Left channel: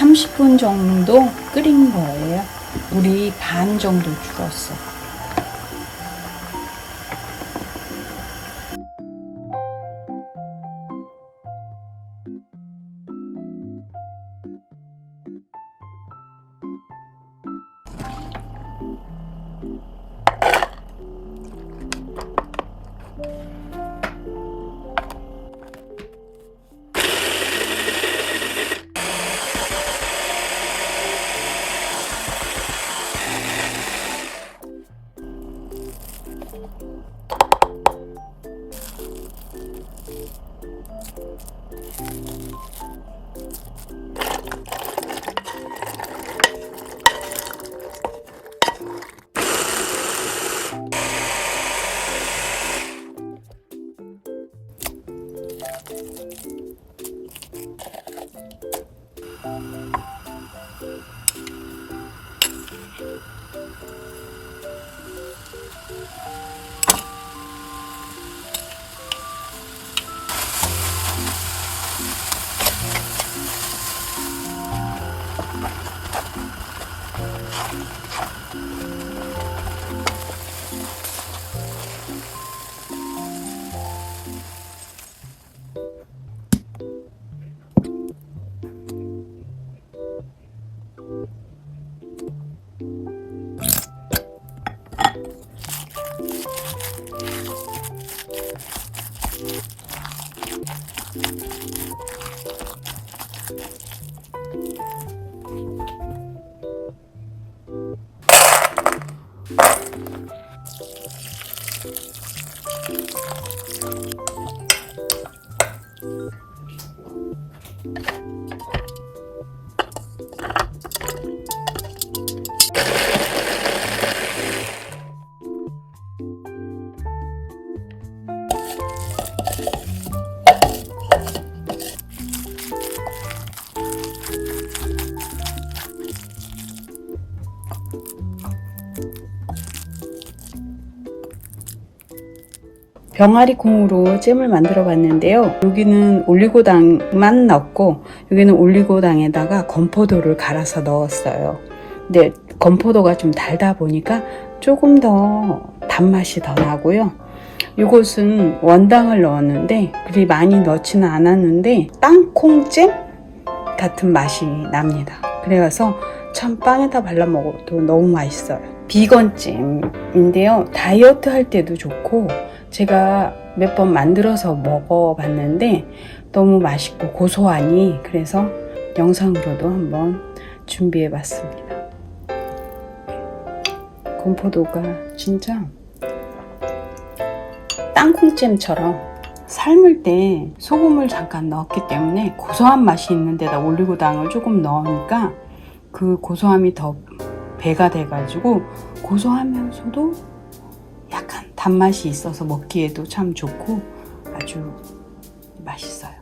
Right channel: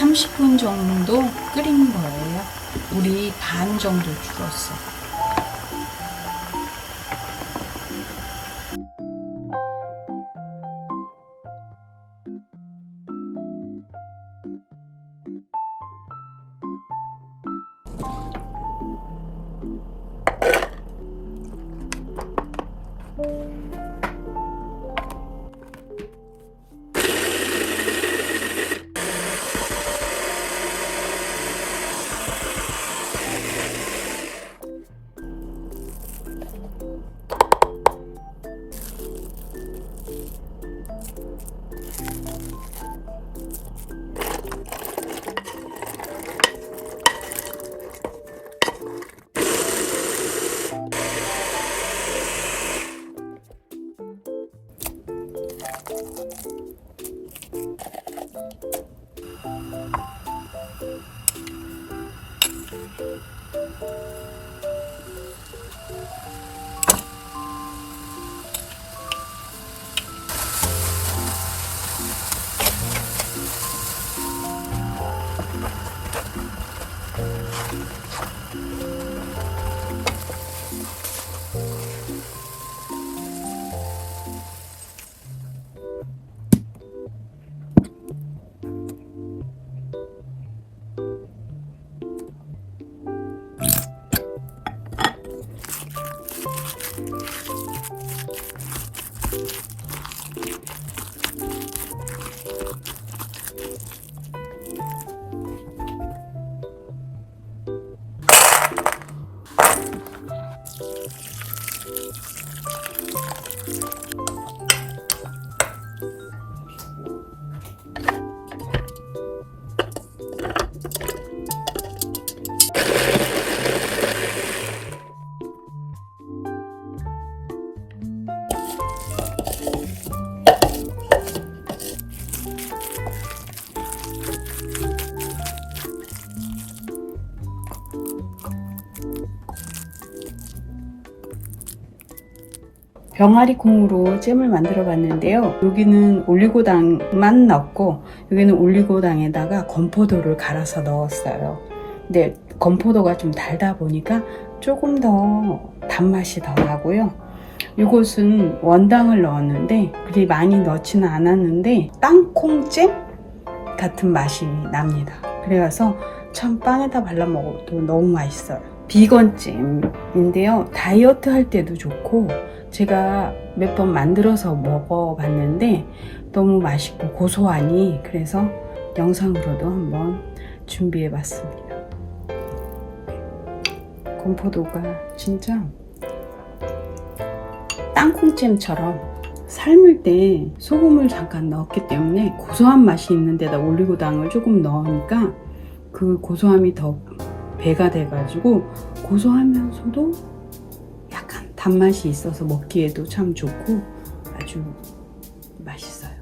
30분 정도 끓인 거예요. 물이 반 정도 줄었어. 병아리 콩으로 잼을 만들어 봤는데요. 여기는 올리고당만 넣고 여기는 올리고당에다가 건포도를 갈아서 넣었어요. 근데 건포도가 좀 달다 보니까 조금 더 단맛이 더 나고요. 이것은 원당을 넣었는데 그리 많이 넣지는 않았는데 땅콩잼 같은 맛이 납니다. 그래서 참 빵에다 발라 먹어도 너무 맛있어요. 비건잼인데요. 다이어트 할 때도 좋고 제가 몇 번 만들어서 먹어봤는데 너무 맛있고 고소하니 그래서 영상으로도 한번 준비해봤습니다. 건포도가 진짜 땅콩잼처럼 삶을 때 소금을 잠깐 넣었기 때문에 고소한 맛이 있는데다 올리고당을 조금 넣으니까 그 고소함이 더 배가 돼가지고 고소하면서도 약간 단맛이 있어서 먹기에도 참 좋고 아주 맛있어요.